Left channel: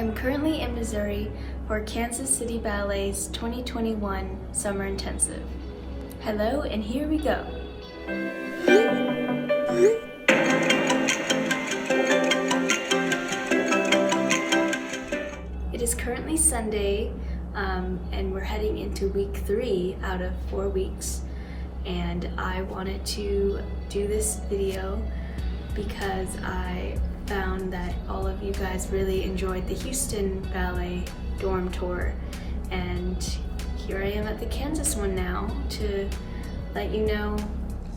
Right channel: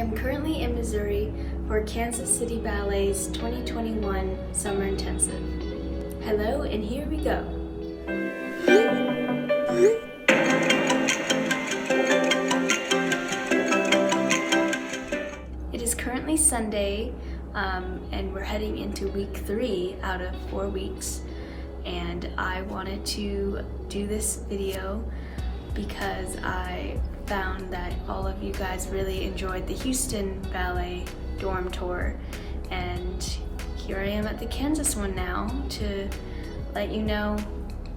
am currently in Missouri for Kansas City Ballet's 2021 Summer Intensive. Hello, and here we go. It is currently Sunday, and we're heading into week 3 out of 4 weeks. And I wanted to do this video because I found that all of you guys really enjoyed the Houston Ballet dorm tour, and here I am at the Kansas one now to let you know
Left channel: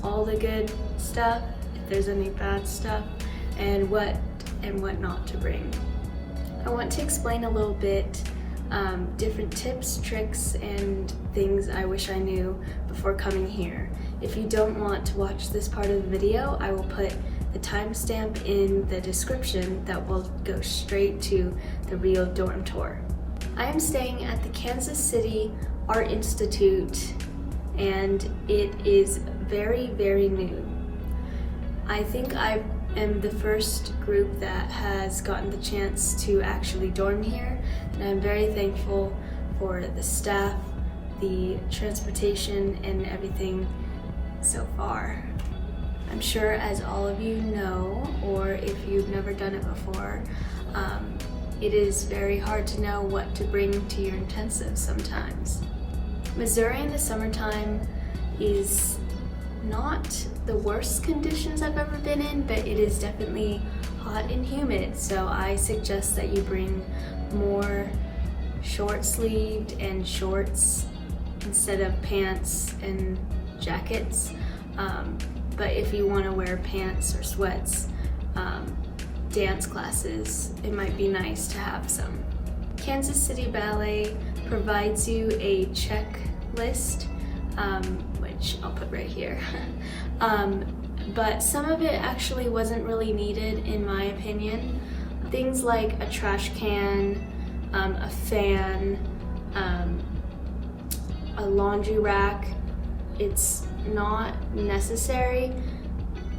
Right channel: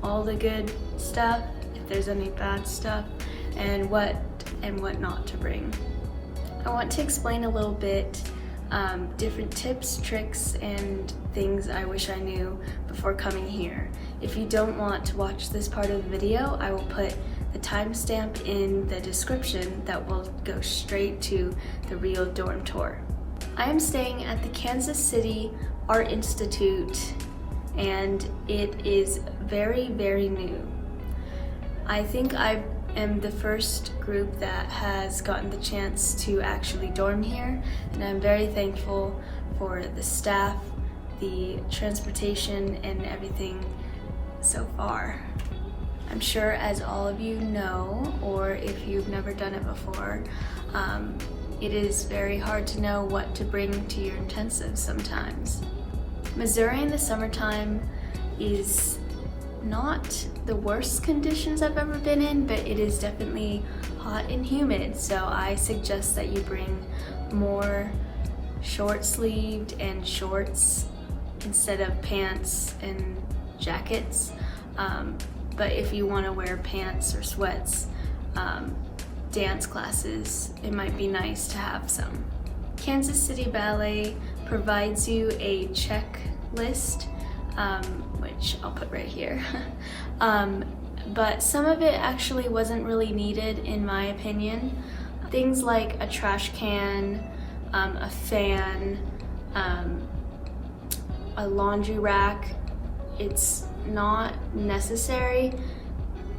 all the good stuff, if there's any bad stuff, and what not to bring. I want to explain a little bit different tips, tricks, and things I wish I knew before coming here. If you don't want to watch this part of the video, I will put the timestamp in the description that will go straight to the real dorm tour. I am staying at the Kansas City Art Institute, and it is very, very new. I think I am the first group that has gotten the chance to actually dorm here, and I'm very thankful for the staff, the transportation, and everything so far. I'm sure, as all of you know, or if you've never done it before, it is very hard to know what to bring to your intensive sometimes. Missouri in the summertime is not the worst conditions I've ever been in, but it is definitely hot and humid, so I suggest that you bring more short-sleeved and shorts instead of pants and jackets. But if you want to wear pants or sweats, dance classes, it might be nice to have some. Kansas City Ballet provides you a checklist, which I'll put right here. But some of it actually wasn't really needed, in my opinion. Things like a trash can, a fan, a laundry rack. It's not necessary,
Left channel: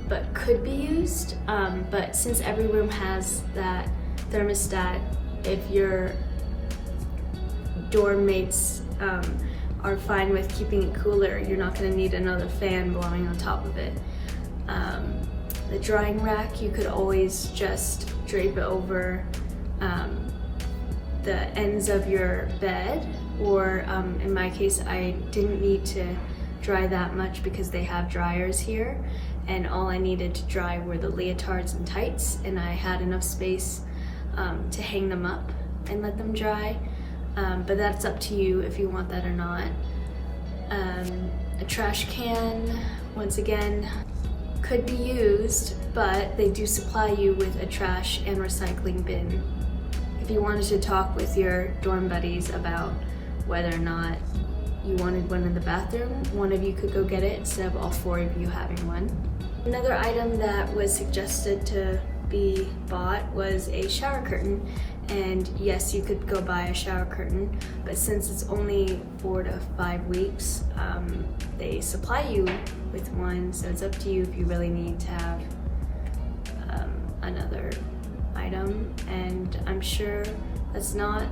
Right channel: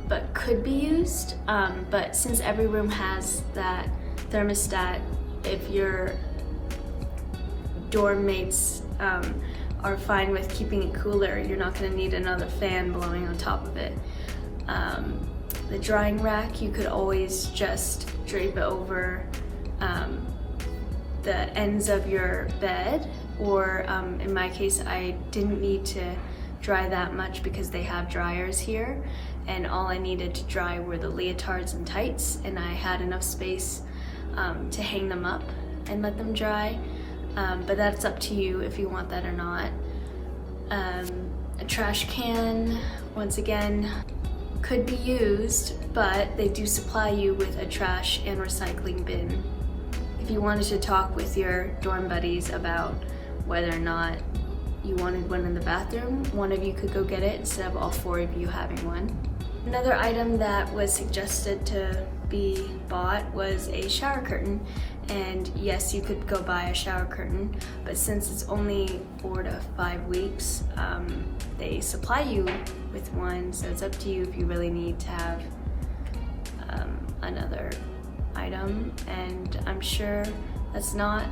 but could be used. But since every room has that thermostat, if your dorm mates are fine with keeping it cooler, you're not going to need another fan blowing on top of it. The drying rack, you could always just drape it over the ends of your bed, or in my case, I didn't need to dry that much because they have dryers here, and all I needed to dry were the leotards and tights, and I had enough space to hang them up and let them dry. But that's up to you if you want that or not. A trash can, once again, could be used, but they do supply you with a trash and recycling bin. If you wanted to talk with your dorm buddies about whether or not you wanted one in the bathroom, one of you could go get it instead of all 4 of you having one. Another item that was suggested to be bought was a shower curtain. And yes, you could go buy a shower curtain, but since it's only 4 to 5 weeks, they supply you with one, so it's up to you if you really need to have another item. And I'm sure that's not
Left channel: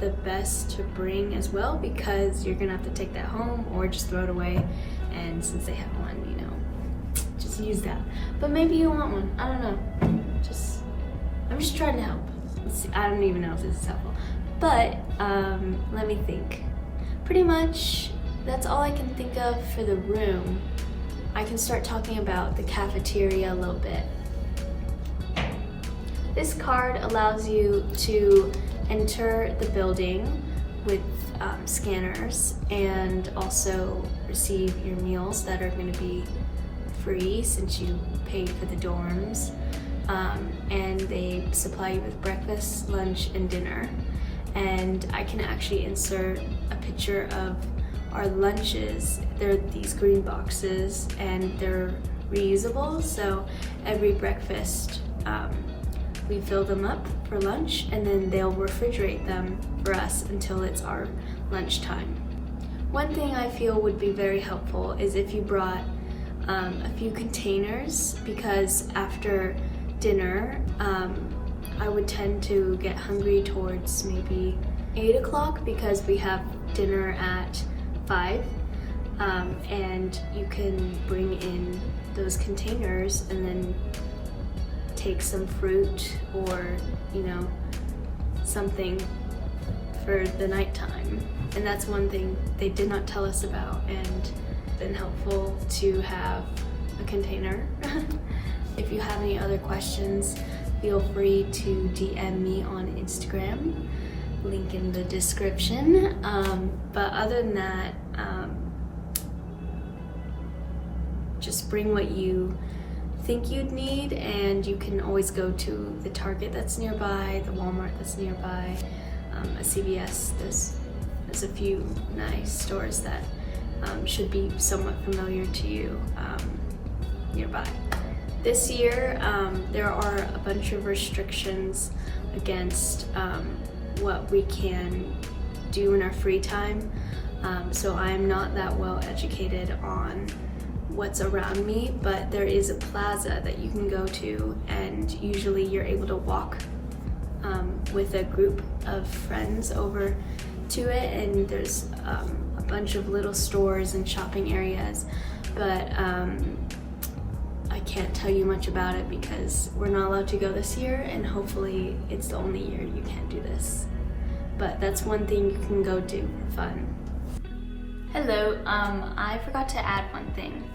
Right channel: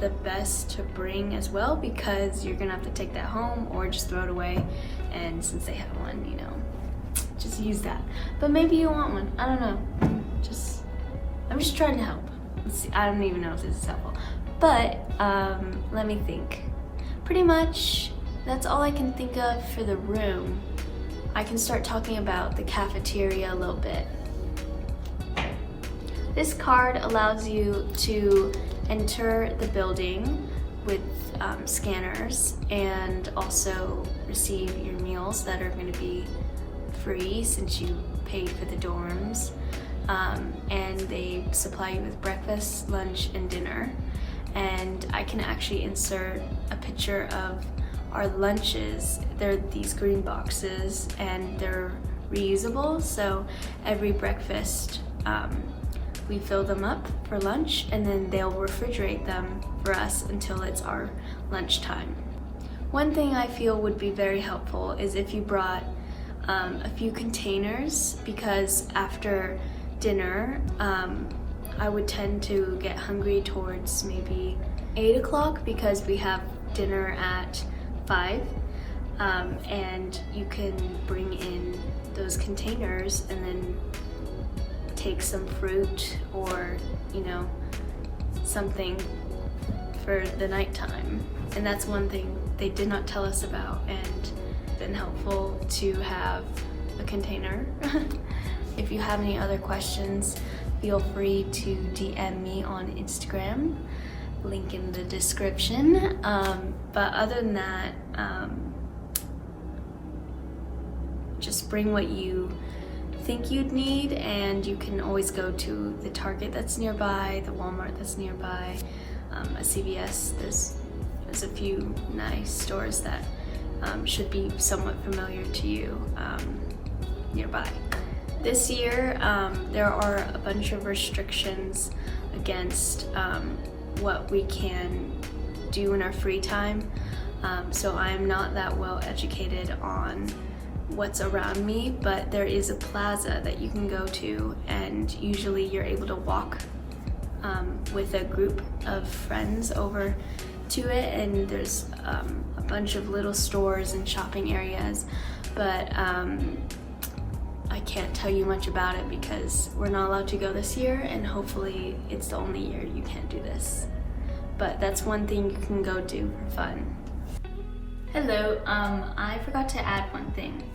the best to bring as well, because you're gonna have to take that home or just throw it away, and since they have one, you know, just use that. But maybe you want one, I don't know. I'm just trying to help. Let's see, I don't even know if this is helpful, but let me think. Pretty much that's all I can think of for the room. I can start talking about the cafeteria a little bit. This card allows you to enter the building with scanners, and also receive your meals that are going to be free since you paid for the dorms. And they supply you with breakfast, lunch, and dinner. And I can actually insert a picture of our lunches. They're these green boxes, and they're reusable, so every breakfast we fill them up for lunch, and then they'll refrigerate them for us until it's our lunchtime. One thing I feel would be very helpful is if you brought a few containers, because after dinner I would tend to get hungry towards maybe 8 o'clock because we have dinner at 5. And you can bring in those containers and then take some fruit or, you know, something for the nighttime. And that's one thing they did not tell us about, and it's been helpful to have a container. If you have any other questions, feel free to DM me on Instagram, link in the description. But other than that, just bring what you think you'd need, and you can always go to the Target that's nearby, the Walmart that's nearby, a CVS. There's a few nice stores that should be somewhat familiar to you nearby. This year, there are a bunch of restrictions against what we can do in our free time. So I'm not that well educated on what's around me, but there is a plaza that you can go to, and usually you're able to walk with a group of friends over to it, and there's a bunch of little stores and shopping areas, but I can't tell you much about it because we're not allowed to go this year, and hopefully it's the only year you can't do this. But that's one thing you can go do for fun. Hello, I forgot to add one thing.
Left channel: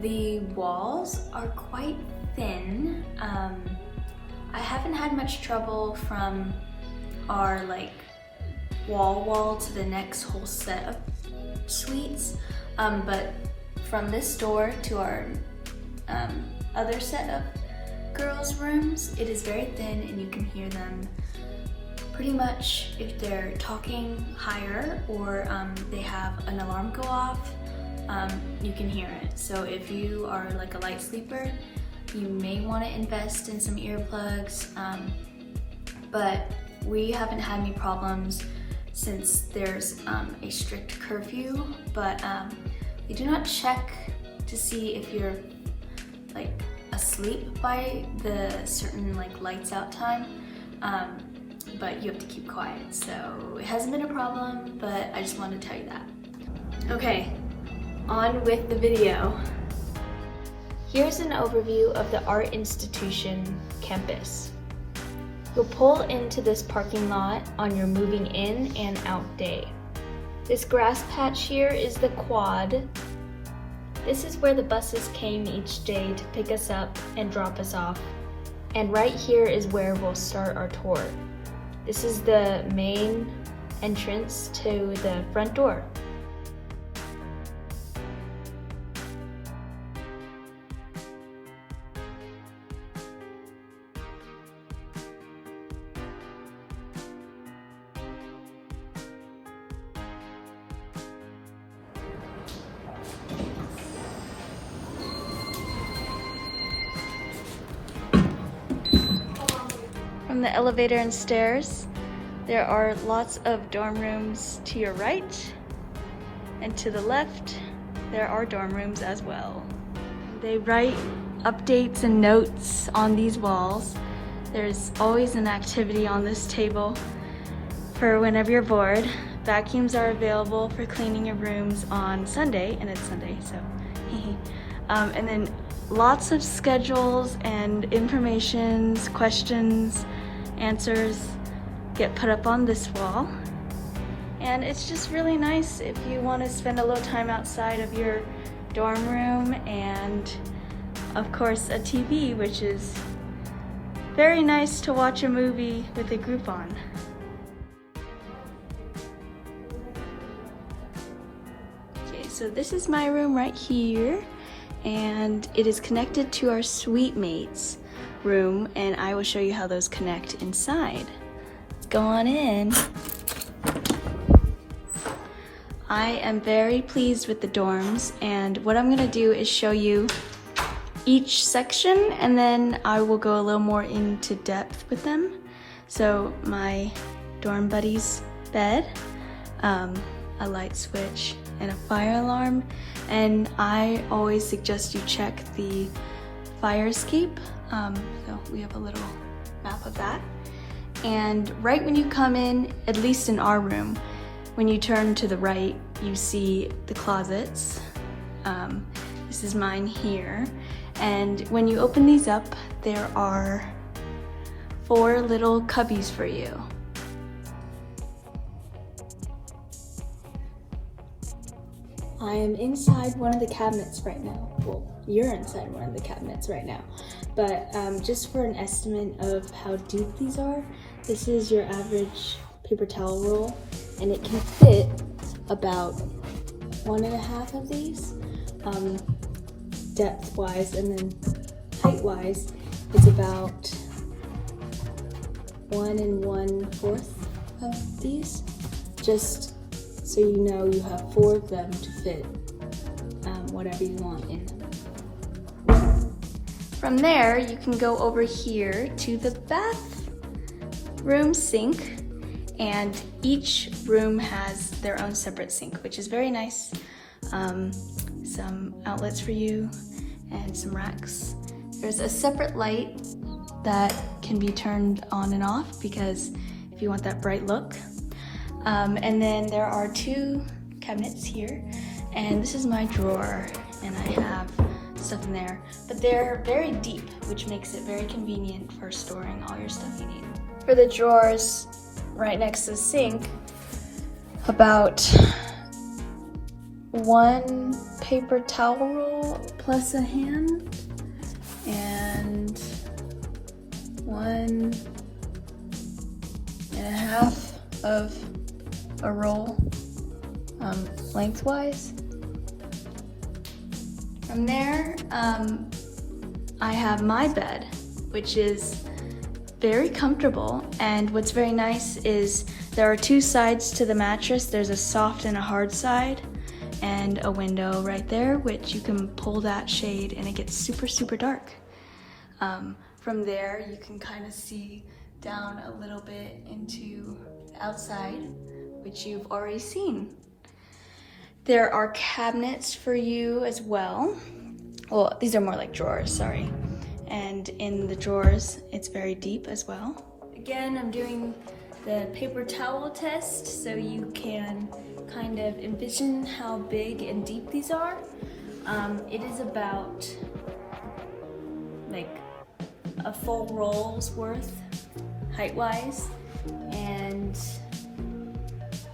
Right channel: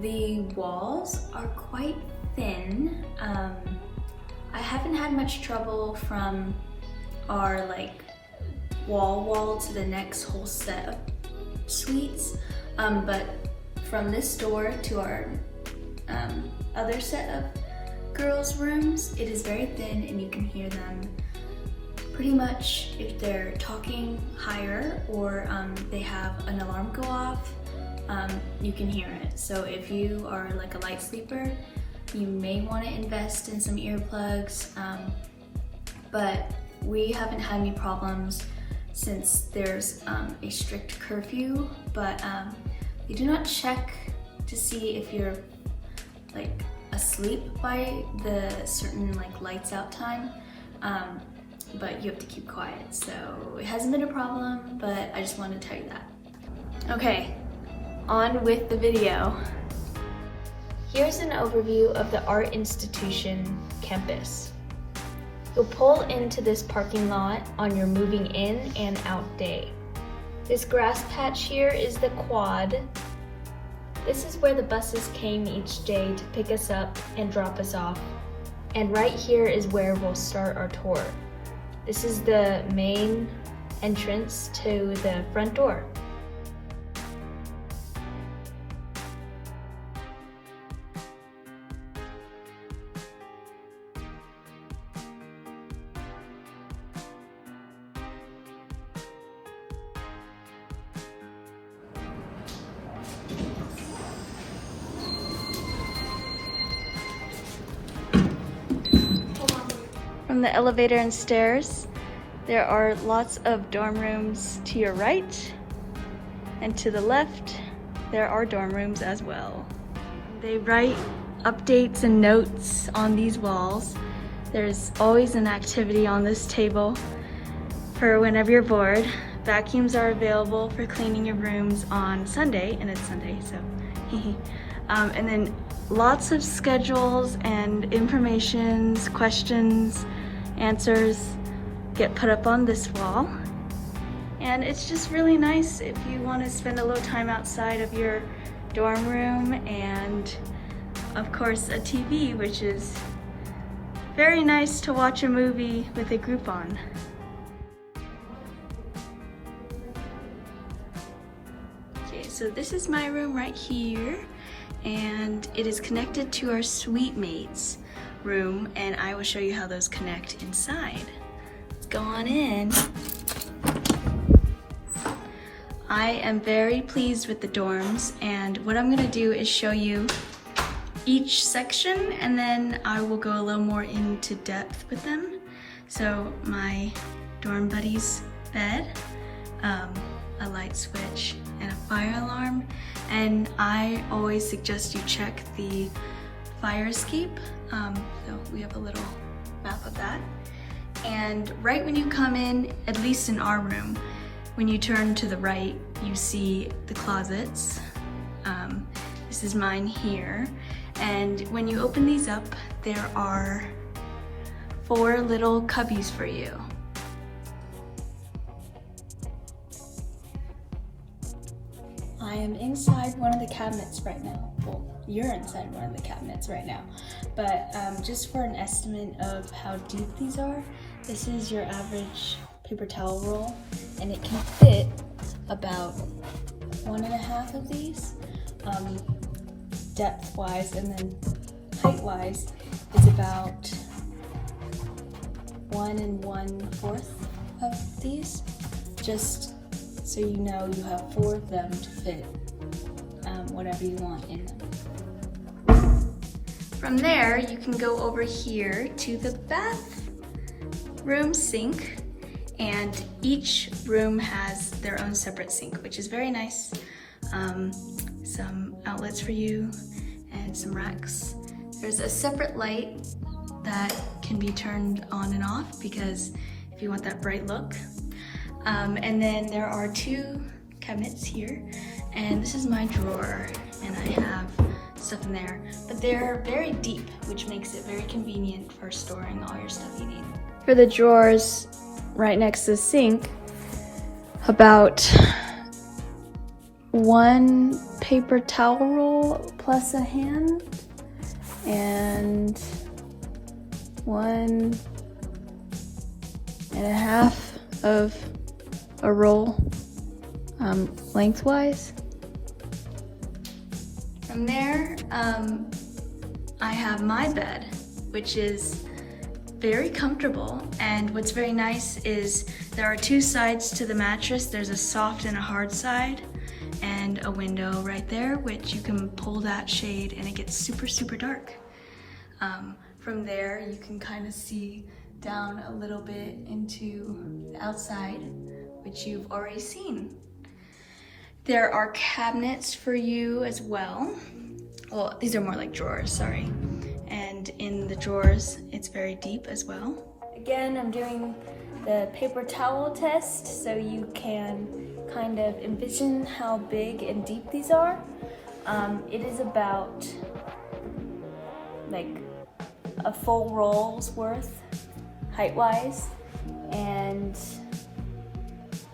The walls are quite thin. I haven't had much trouble from our wall to the next whole set of suites, but from this door to our other set of girls' rooms, it is very thin, and you can hear them pretty much if they're talking higher or they have an alarm go off. You can hear it. So if you are like a light sleeper, you may want to invest in some earplugs, but we haven't had any problems since there's a strict curfew, but they do not check to see if you're like asleep by the certain lights out time, but you have to keep quiet. So it hasn't been a problem, but I just wanted to tell you that. Okay, on with the video. Here's an overview of the art institution campus. You'll pull into this parking lot on your moving in and out day. This grass patch here is the quad. This is where the buses came each day to pick us up and drop us off. And right here is where we'll start our tour. This is the main entrance to the front door. From the elevator and stairs, there are lots of dorm rooms to your right, and to the left, there are dorm rooms as well. They write updates and notes on these walls. There's always an activity on this table for whenever you're bored. Vacuums are available for cleaning your rooms on Sunday, and it's Sunday, so and then lots of schedules and informations, questions, answers get put up on this wall. And it's just really nice if you want to spend a little time outside of your dorm room, and of course a TV, which is very nice to watch a movie with a group on. Okay, so this is my room right here, and it is connected to our suite mates room, and I will show you how those connect inside. Let's go on in. I am very pleased with the dorms, and what I'm gonna do is show you each section, and then I will go a little more into depth with them. So my dorm buddy's bed, a light switch, and a fire alarm, and I always suggest you check the fire escape. So we have a little half of that. And right when you come in, at least in our room, when you turn to the right, you see the closets. This is mine here. And when you open these up, there are 4 little cubbies for you. I am inside one of the cabinets right now. Well, you're inside one of the cabinets right now. But just for an estimate of how deep these are, this is your average paper towel roll, and it can fit about 1.5 of these, depth-wise, and then height-wise, it's about 1 1/4 of these, just so you know you have 4 of them to fit whatever you want in them. From there, you can go over here to the bathroom sink, and each room has their own separate sink, which is very nice. Some outlets for you and some racks. There's a separate light that can be turned on and off because if you want that bright look. And then there are 2 cabinets here, and this is my drawer, and I have stuff in there, but they're very deep, which makes it very convenient for storing all your stuff you need. For the drawers right next to the sink, about 1 paper towel roll plus a hand, and 1.5 of a roll lengthwise. From there, I have my bed, which is very comfortable, and what's very nice is there are 2 sides to the mattress. There's a soft and a hard side, and a window right there, which you can pull that shade and it gets super, super dark. From there, you can kind of see down a little bit into the outside, which you've already seen. There are cabinets for you as well. Well, these are more like drawers, sorry. And in the drawers, it's very deep as well. Again, I'm doing the paper towel test so you can kind of envision how big and deep these are. It is about like a full roll's worth height-wise, and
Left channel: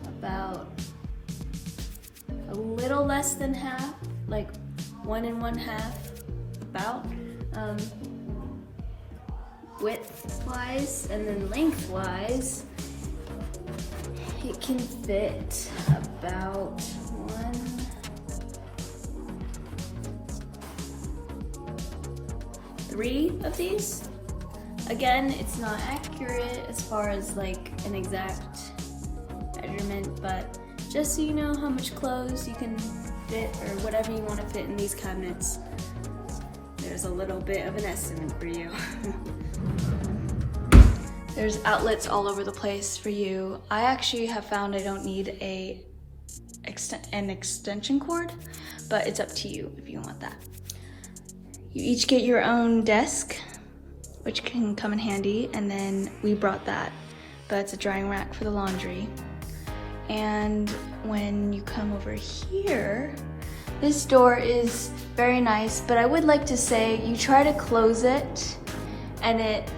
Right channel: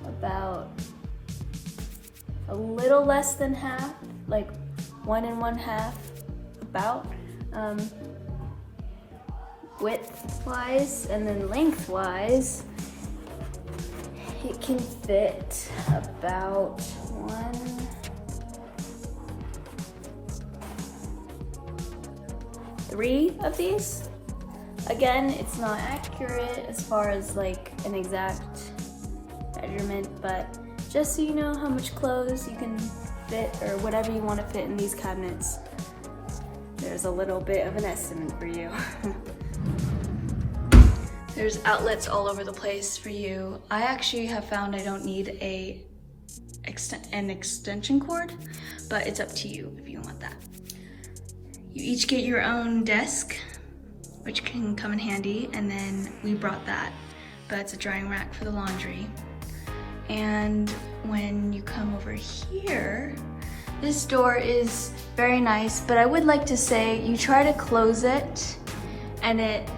about a little less than half, like 1 1/2, about width-wise, and then length-wise, it can fit about 3 of these. Again, it's not accurate as far as like an exact measurement, but just so you know how much clothes you can fit or whatever you want to fit in these cabinets, there's a little bit of an estimate for you. There's outlets all over the place for you. I actually have found I don't need an extension cord, but it's up to you if you want that. You each get your own desk, which can come in handy, and then we brought that, but it's a drying rack for the laundry. And when you come over here, this door is very nice, but I would like to say you try to close it and it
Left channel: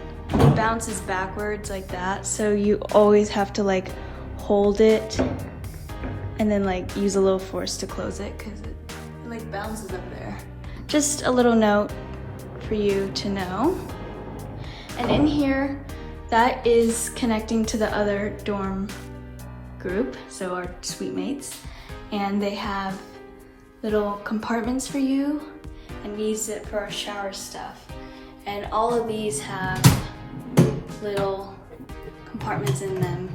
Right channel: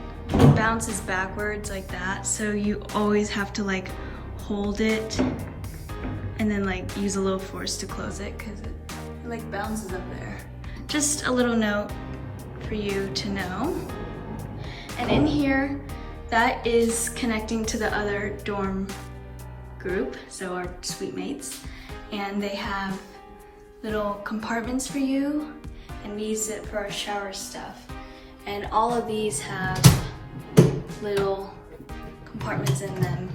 bounces backwards like that, so you always have to like hold it and then like use a little force to close it because it like bounces up there. Just a little note for you to know. And in here, that is connecting to the other dorm group, so our suite mates, and they have little compartments for you, and we use it for our shower stuff. And all of these have little compartments in them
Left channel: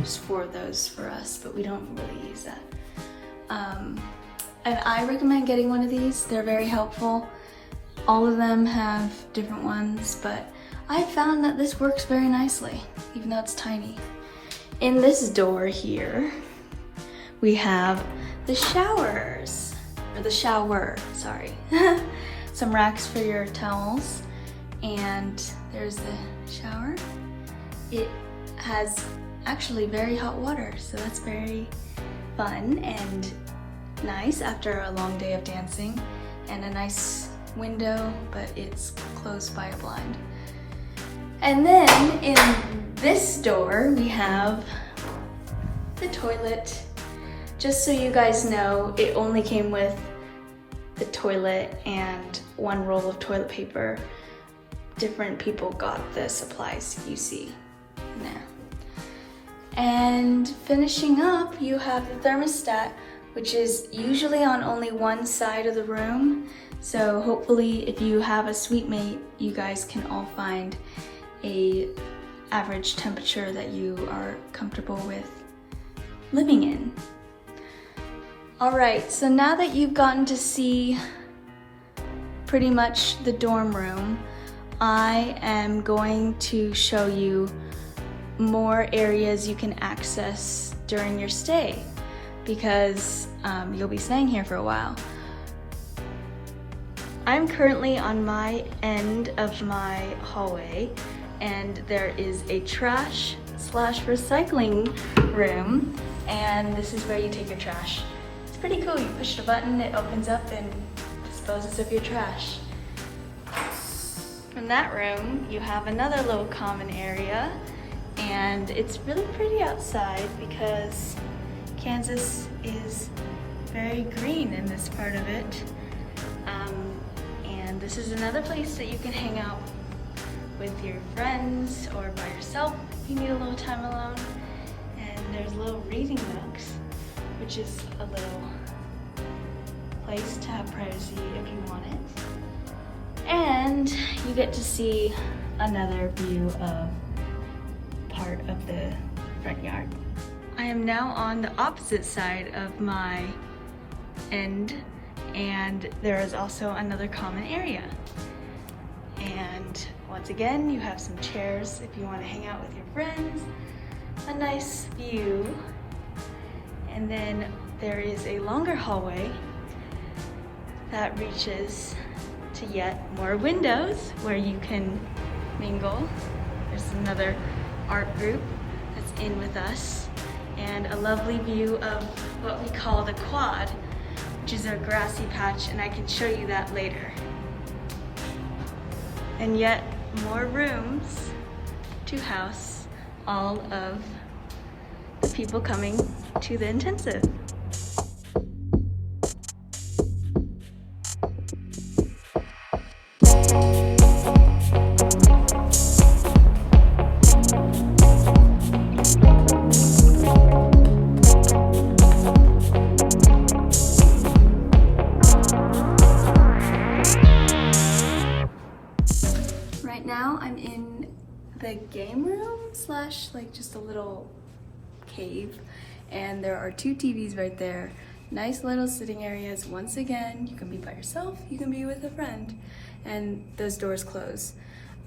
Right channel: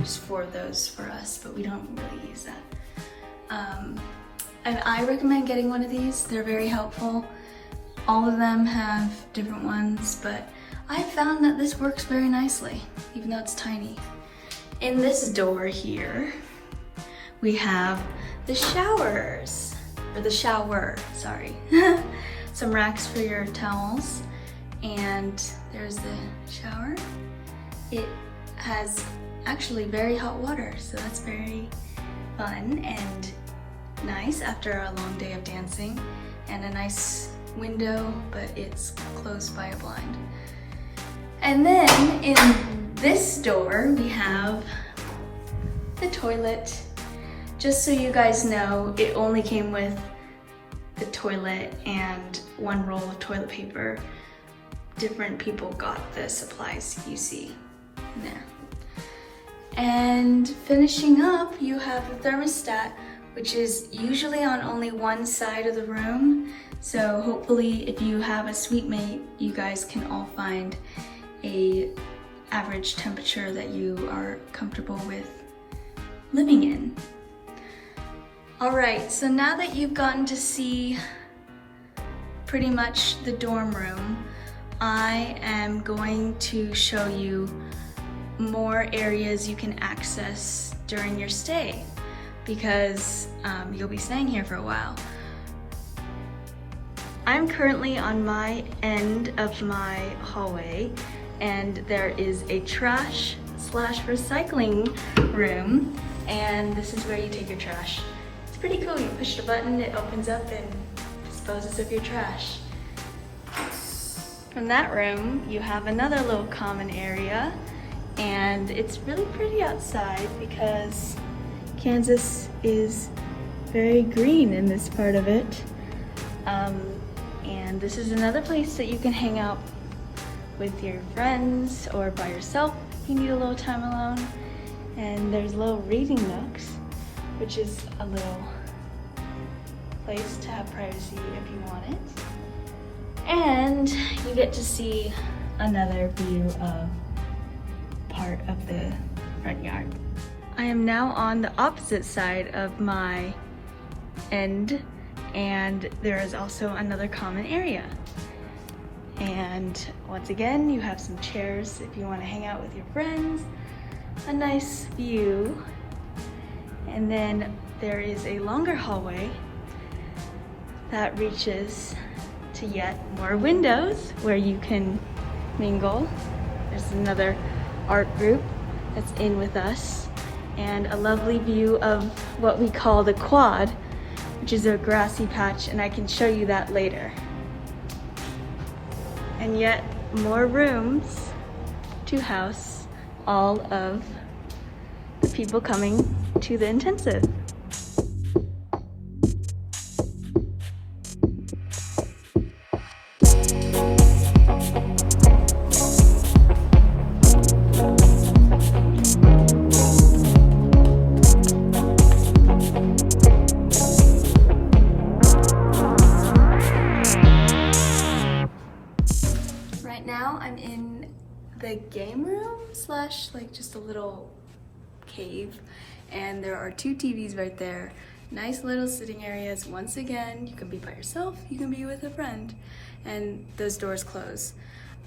just for those for us, but we don't really use that. And I recommend getting one of these. They're very helpful. All of them have different ones, but I found that this works very nicely, even though it's tiny. In this door here, we have the showers, or the shower, sorry. Some racks for your towels, and there's the shower. It has actually very hot water, so that's very fun and nice after a long day of dancing, and a nice window, but it's closed by a blind. And then in this door we have the toilet. Just so you guys know, it only came with the toilet and one roll of toilet paper. Different people got the supplies you see now. And finishing up, you have the thermostat, which is usually on only one side of the room. So hopefully if you have a suite mate, you guys can all find a average temperature that you are comfortable with living in. All right, so now that you've gotten to see pretty much the dorm room, I am going to show you more areas you can access during your stay, because you'll be staying here for a while. I'm currently on my end of my hallway, and there is a trash / recycling room, and this is where you take your trash. It's pretty cool. You push the button, it opens up and disposes of your trash. From that room, you have another little common area, and it's really pretty outside because Kansas is very green in this part of it. And this is another place that you can hang out with your friends or by yourself if you need a little time alone. And there's little reading nooks, which is a little place to have privacy if you want it. And you get to see another view of part of the front yard. I am now on the opposite side of my end, and there is also another common area. And once again, you have some chairs if you want to hang out with your friends, a nice view, and then there is a longer hallway that reaches to yet more windows where you can mingle. There's another art group that's in with us, and a lovely view of what we call the quad, which is a grassy patch, and I can show you that later. And yet more rooms to house all of the people coming to the intensive. Right now I'm in the game room / like just a little cave, and there are 2 TVs right there. Nice little sitting areas. Once again, you can be by yourself, you can be with a friend, and those doors close.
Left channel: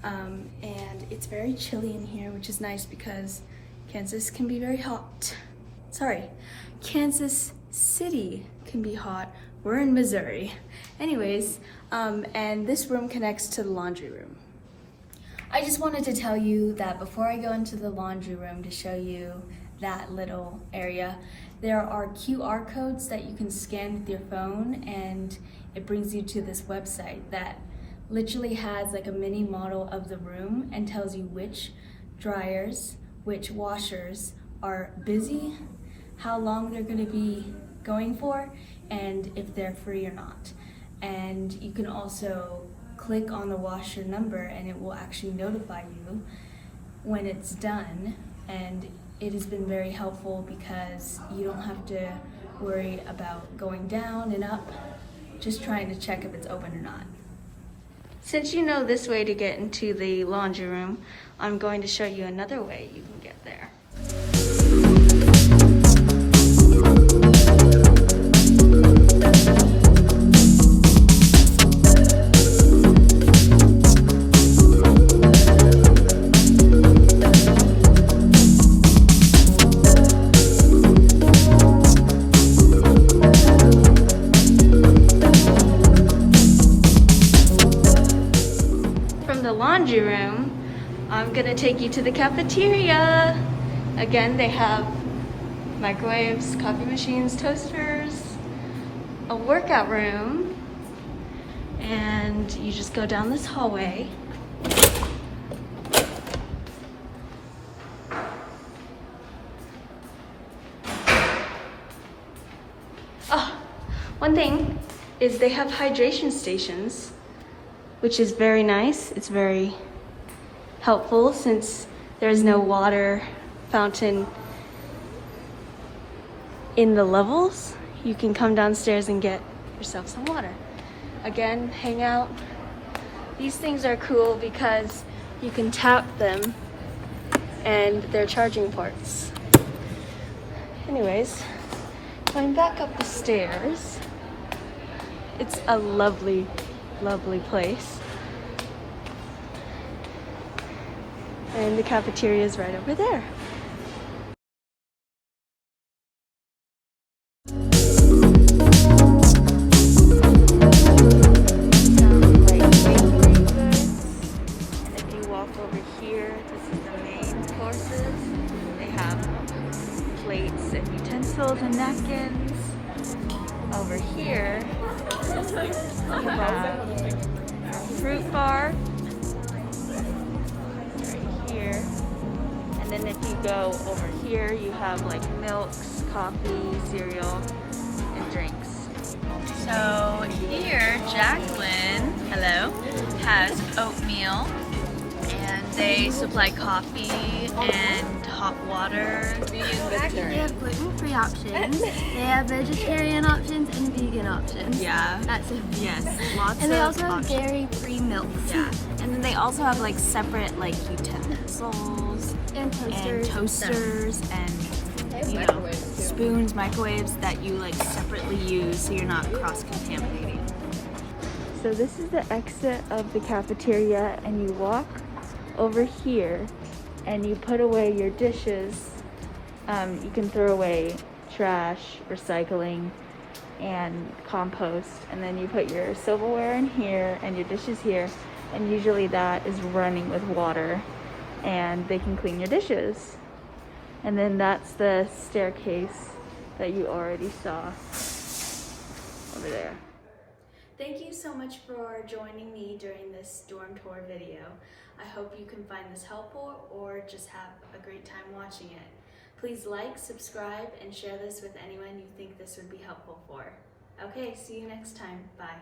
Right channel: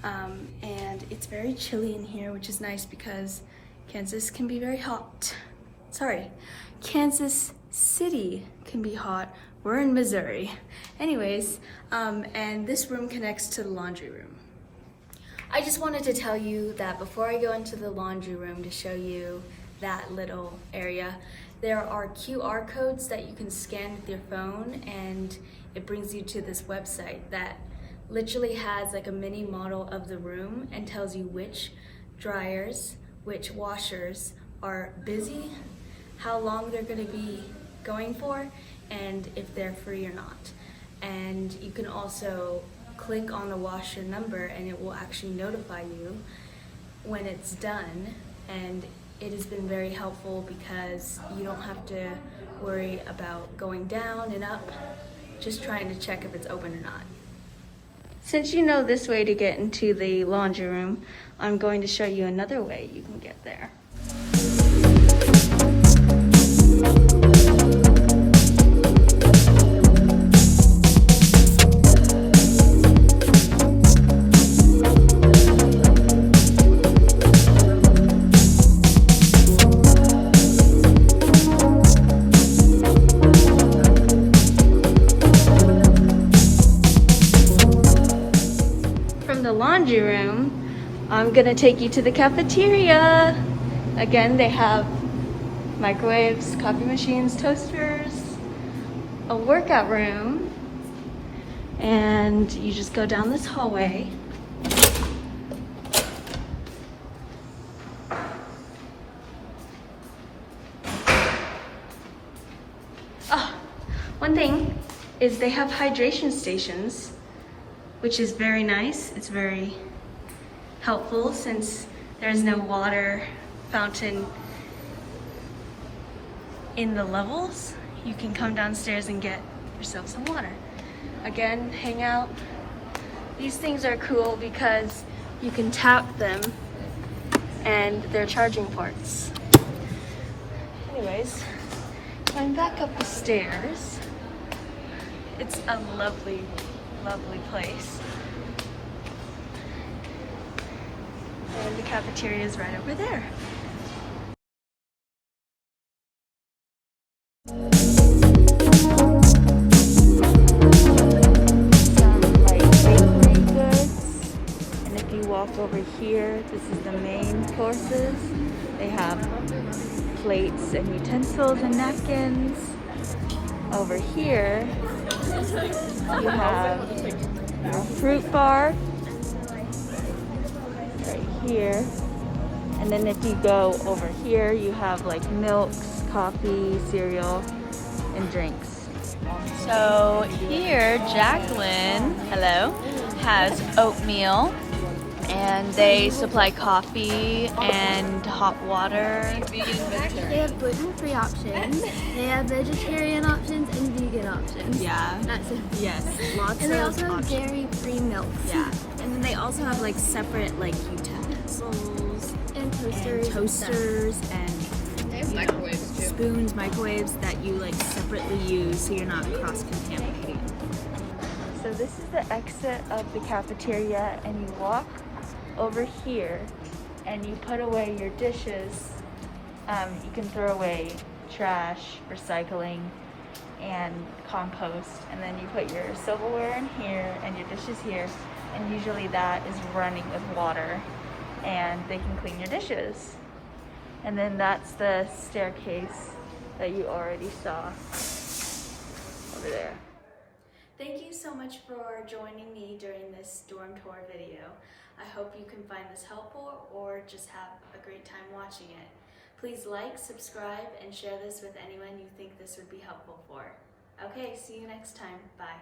And it's very chilly in here, which is nice because Kansas can be very hot. Sorry, Kansas City can be hot. We're in Missouri. Anyways, and this room connects to the laundry room. I just wanted to tell you that before I go into the laundry room to show you that little area, there are QR codes that you can scan with your phone, and it brings you to this website that literally has like a mini model of the room and tells you which dryers, which washers are busy, how long they're going to be going for, and if they're free or not. And you can also click on the washer number and it will actually notify you when it's done, and it has been very helpful because you don't have to worry about going down and up, just trying to check if it's open or not. Since you know this way to get into the laundry room, I'm going to show you another way you can get there. I'm gonna take you to the cafeteria. Again, they have microwaves, coffee machines, toasters, a workout room, and you just go down this hallway. Oh, one thing is they have hydration stations, which is very nice. It's very helpful since there's no water fountain in the levels. You can come downstairs and get yourself some water. Again, hang out. These things are cool because you can tap them and they're charging ports. Anyways, going back up the stairs, it's a lovely, lovely place. And the cafeteria is right over there. Over here, this is the main courses. They have plates and utensils and napkins. Over here, you have your fruit bar right here. And then if you go over here, you have like milks, coffee, cereal, and drinks. So here, Jacqueline, hello, has oatmeal. And they supply coffee and hot water. They have gluten-free options, they have vegetarian options, and vegan options. Yeah. That's it. Yes. Lots and they of also have options. dairy-free milk. Yeah. And then they also have like separate like utensils And toasters. And you know, spoons, microwaves that you like separately use so you're not cross-contaminating. So this is the exit of the cafeteria, and you walk over here and you put away your dishes. You can throw away trash, recycling, and compost, and then you put your silverware in here and your dishes here, and usually that is running with water and they can clean your dishes. And then that's the staircase that you already saw. Yeah. Thank you so much for joining me during this dorm tour video. I hope you can find this helpful or just have a great time watching it. Please like, subscribe, and share this with anyone you think this would be helpful for. Okay, see you next time. Bye.